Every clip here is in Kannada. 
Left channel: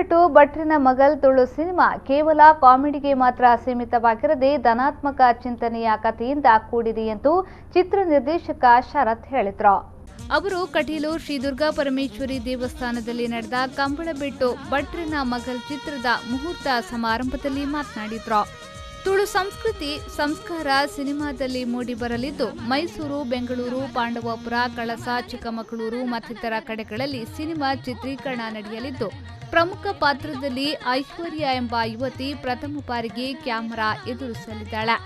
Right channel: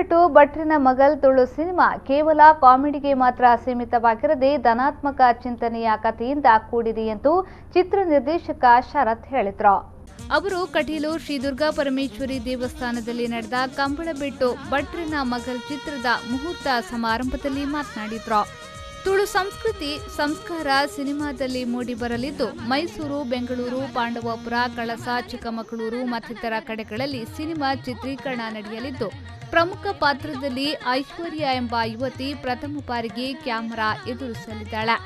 ಕಂಬಳಬೆಟ್ಟು ಭಟ್ರನ ಮಗಲ್ ತುಳು ಸಿನಿಮಾ ಕೇವಲ ಕಾಮಿಡಿಗೆ ಮಾತ್ರ ಸೀಮಿತವಾಗಿರದೆ ಧನಾತ್ಮಕ ಚಿಂತನೆಯ ಕಥೆಯಿಂದ ಕೂಡಿದೆ ಎಂದು ಚಿತ್ರ ನಿರ್ದೇಶಕ ಶರತ್ ಹೇಳಿದರು. ಅವರು ಕಟೀಲು ಶ್ರೀ ದುರ್ಗಾ ಪರಮೇಶ್ವರಿ ದೇವಸ್ಥಾನದಲ್ಲಿ ನಡೆದ ಕಂಬಳಬೆಟ್ಟು ಭಟ್ರನ ಮಗಲ್ ಚಿತ್ರದ ಮುಹೂರ್ತ ಸಮಾರಂಭದಲ್ಲಿ ಮಾತನಾಡಿದರು. ತುಳು ಸಂಸ್ಕೃತಿ ಸಂಸ್ಕಾರ ಸಿನಿಮಾದಲ್ಲಿ ಮೂಡಿಬರಲಿದ್ದು, ಮೈಸೂರು, ಬೆಂಗಳೂರು, ಪಾಂಡವಪುರ, ಕಳಸ, ಚಿಕ್ಕಮಗಳೂರು ಮತ್ತಿತರ ಕಡೆಗಳಲ್ಲಿ ಸಿನಿಮಾ ಚಿತ್ರೀಕರಣ ನಡೆಯಲಿದ್ದು, ಪ್ರಮುಖ ಪಾತ್ರದಲ್ಲಿ ಐಶ್ವರ್ಯ ಎಂಬ ಯುವತಿ ಪ್ರಥಮ ಬಾರಿಗೆ ಕ್ಯಾಮೆರಾ ಎದುರಿಸಲಿದ್ದಾಳೆ.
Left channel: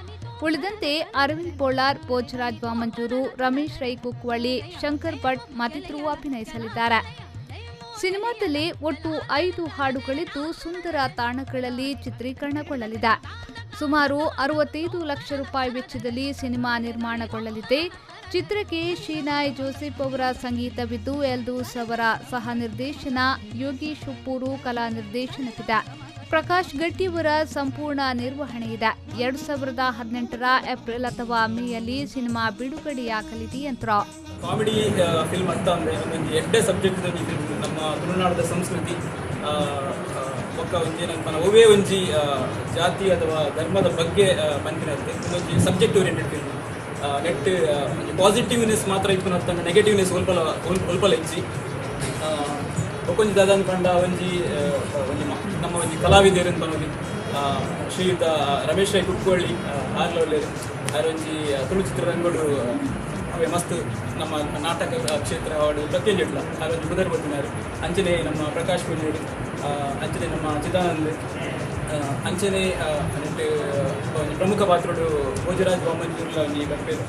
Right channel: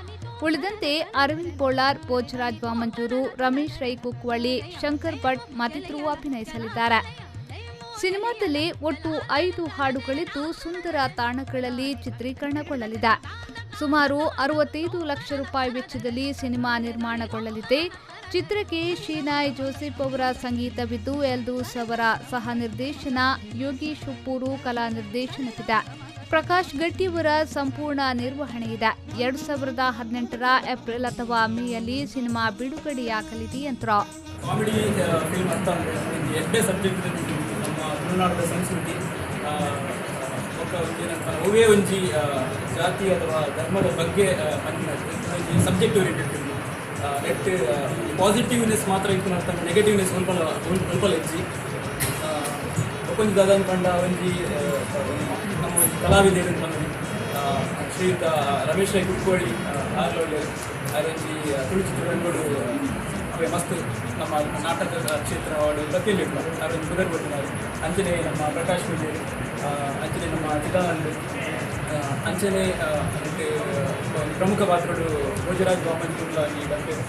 ಉಳಿದಂತೆ ಅರವಿಂದ್ ಪೋಳಾರ್, ಭೋಜರಾಜ್ ವಾಮಂಜೂರು, ರಮೇಶ್ ರೈ ಕುಕ್ವಳ್ಳಿ, ಶಂಕರ್ ಭಟ್ ಮತ್ತಿತರರು ಅಭಿನಯಿಸಲಿದ್ದಾರೆ. ಸಿನಿಮಾದಲ್ಲಿ ಒಟ್ಟು 5 ಹಾಡುಗಳಿದ್ದು ಸುಂದರ ತಾಣಗಳಲ್ಲಿ ಚಿತ್ರೀಕರಣಗೊಳ್ಳಲಿದೆ. ಸುಮಾರು 65 ಲಕ್ಷ ರೂಪಾಯಿ ವೆಚ್ಚದಲ್ಲಿ ಸಿನಿಮಾ ನಿರ್ಮಾಣಗೊಳ್ಳಲಿದೆ. ಚಿತ್ರಕ್ಕೆ ಶೀನಾಯ್ ಜೋಸೆಫ್ ಅವರ ಸಂಗೀತವಿದ್ದು, ಎಲ್ದೂಸ್ ಅವರ ಸಹ ನಿರ್ದೇಶನ, ಯೋಗೀಶ್ ಉಪ್ಪೂರು ಕಲಾ ನಿರ್ದೇಶನವಿದೆ. ಪ್ರಕಾಶ್ ಗಟ್ಟಿಯವರ ಸಂಪೂರ್ಣ ನಿರ್ವಹಣೆ ಇದೆ. 2018ರ ಏಪ್ರಿಲ್ ಅಥವಾ ಮೇಯಲ್ಲಿ ಸಿನಿಮಾ ಬಿಡುಗಡೆಯಾಗಲಿದೆ ಎಂದರು. ಕಾಮಿಡಿ ಫಿಲ್ಮ್ ಅಂತ ಅಂದರೆ ಎರಡೇ ಸಬ್ಜೆಕ್ಟ್ ನಮ್ಮ ತುಳುನಾಡಿನ ಸಂಸ್ಕೃತಿ ಬೊಕ್ಕ ಒಂದೇನಪ್ಪ ಒವೇ ಒಂಜಿ ಜಾತಿ ಅಥವಾ ಧರ್ಮದ ಬಗ್ಗೆ ಬಂದಿರುತ್ತೆ. ಒಂಜಿ subject oriented film net positiveness ಮಾತ್ರ ಇತ್ತು ಅಂತ ನೆಗೆಟಿವ್ನೆಸ್ ಸ್ವಲ್ಪ ಹೆಚ್ಚಿ ಒಪ್ಪಂಜಿ ದಾದ ಕಂಡ ಒಂಜಿ ನಮ್ಮ ಒಂಜಿ ಕಲಾವಿದರು ಬಂದು ಶ್ರೀಯುತ ರಮೇಶ್ ರೈ ಕುಕ್ಕೋಳಿ ಆರ್ಲೋಡು ಒಂಜಿ ತುಳು ಚಿತ್ರರಂಗಗಳು ಮಸ್ತ್ ನಮ್ಮ ನಾಟಕ ಕ್ಷೇತ್ರ ಪ್ರತ್ಯೇಕ ಅದೊಂದು ಗುರು ಕೊಟ್ಟಿದ್ದಾರೆ. ಅಂಚನೆ ನಮ್ಮ ಪ್ರಕಾಶ್ ಭಟ್, ಅಂಚನೆ ನಮ್ಮ ಚಿದಾನಂದ, ಅಂಚನೆ ಪ್ರಮುಖ ಪಾತ್ರಗಳು ಭೋಜರಾಜ್ ವಾಮಂಜೂರು.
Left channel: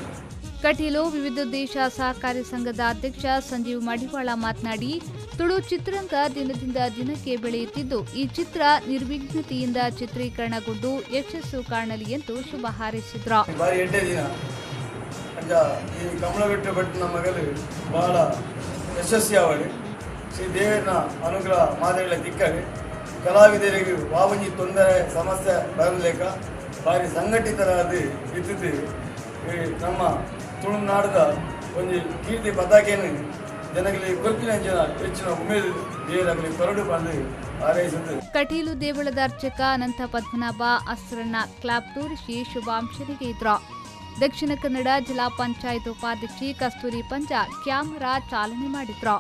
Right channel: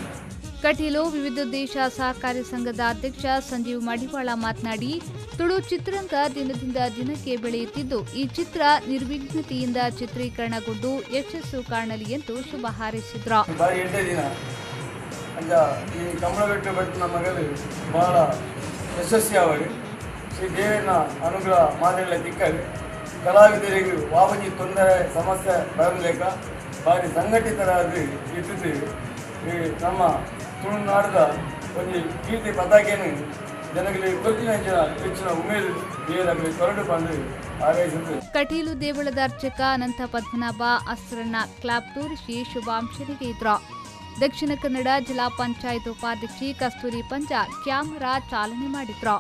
ಕಟೀಲು ವಿವಿಧ ದೇಶ ಸಹಕಾರಿ ಸಂಘದ ಅಧ್ಯಕ್ಷ ಸಂಜೀವ್ ಮಡಿವಾಳ ಮಾತನಾಡಿ, ತುಳು ಚಿತ್ರರಂಗ ದಿನದಿಂದ ದಿನಕ್ಕೆ ಬೆಳೆಯುತ್ತಿದ್ದು, ಈ ಚಿತ್ರ ನಿರ್ವಿಘ್ನತೆಯಿಂದ ಚಿತ್ರೀಕರಣಗೊಂಡು ಯಶಸ್ಸು ಕಾಣಲಿ ಎಂದು ಶುಭ ಹಾರೈಸಿದರು. ಈ ಕಂಬಳಬೆಟ್ಟು ಭಟ್ರನ ಮಗಲು ಬಹಳ ಯಶಸ್ವಿಯಾಗಲಿ. ಶ್ರೀ ದೇವರ ಅನುಗ್ರಹ ಮಾದರಿಗಳ ದಿಕ್ಕಾಗಿ ಕಲಾವಿದರಿಗೆ ಬಾಬುಜಿ ತೊಂದರೆ ಸಮಸ್ಯೆ ಬರಲೇಕ ಭಾರಿ ಸಂಘಟಿತರಾಗಿ ಇಟ್ಟಿದ್ದೇವೆ. ನಮ್ಮ ತುಳುನಾಡದ ಒಂದು ಕೀರ್ತಿ ಪತಾಕೆಯನ್ನು ಜನಗಳಿಗೆ ಕೊಟ್ಟಿನ ಜನ ಹೆಚ್ಚಿನ ಉಮೇದು ದೇವರಾಗಲಿ ಕರಡು ಬಂದು ಹಾರೈಸಿದ್ದು. ಕಟೀಲು ದೇವಳದ ಅರ್ಚಕ ಅನಂತ ಪದ್ಮನಾಭ ಅಸ್ರಣ್ಣ ಕ್ಲಾಪ್ ತೋರಿಸಿ ಶುಭಾಂಶನಿಗೆ ಇದ್ರು. ದಕ್ಷಿಣ ಕನ್ನಡ ಜಿಲ್ಲಾ ಪಂಚಾಯತ್ ಉಪಾಧ್ಯಕ್ಷೆ ಕಸ್ತೂರಿ ಪಂಜ ಕ್ಯಾಮರಾ ಚಾಲನೆ ಮಾಡಿದ್ರು.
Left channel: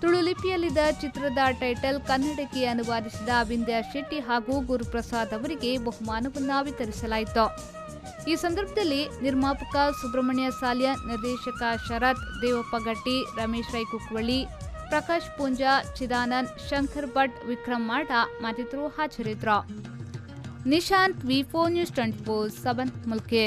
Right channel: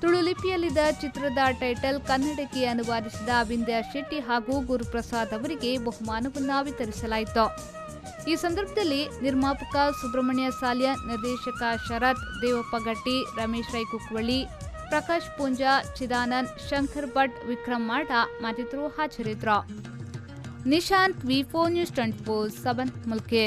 ತುಳು ಲಿಪಿಯಲ್ಲಿದ್ದ ಚಿತ್ರದ ಟೈಟಲ್ ಕನ್ನಡಕ್ಕೆ ಅನುವಾದಿಸಿದ ವಿಂದ್ಯಾ ಶೆಟ್ಟಿ ಹಾಗೂ ಗುರುಪ್ರಸಾದ್ ಅವರಿಗೆ ಬಹುಮಾನವನ್ನು ವಿತರಿಸಲಾಯಿತು. ಈ ಸಂದರ್ಭದಲ್ಲಿ ನಿರ್ಮಾಪಕ ಸುಬ್ರಹ್ಮಣ್ಯ ಸಾಲ್ಯ, ನಿರ್ದೇಶಕ ಶರತ್, ದೇವಪ್ಪ ಗಟ್ಟಿ, ರಮೇಶ್ ರೈ ಕುಕ್ವಳ್ಳಿ, ಪ್ರಕಾಶ್ ಪೂಂಜಾ, ಚಿದಾನಂದ್, ಶಂಕರ್ ಭಟ್, ವಿಕ್ರಮ್ ಮಾಡ ಮತ್ತಿತರರು ಹಾಜರಿದ್ದರು. ನಿಶಾಂತ್, ವಿ4 ನ್ಯೂಸ್ 24/7 ಮುಲ್ಕೆ.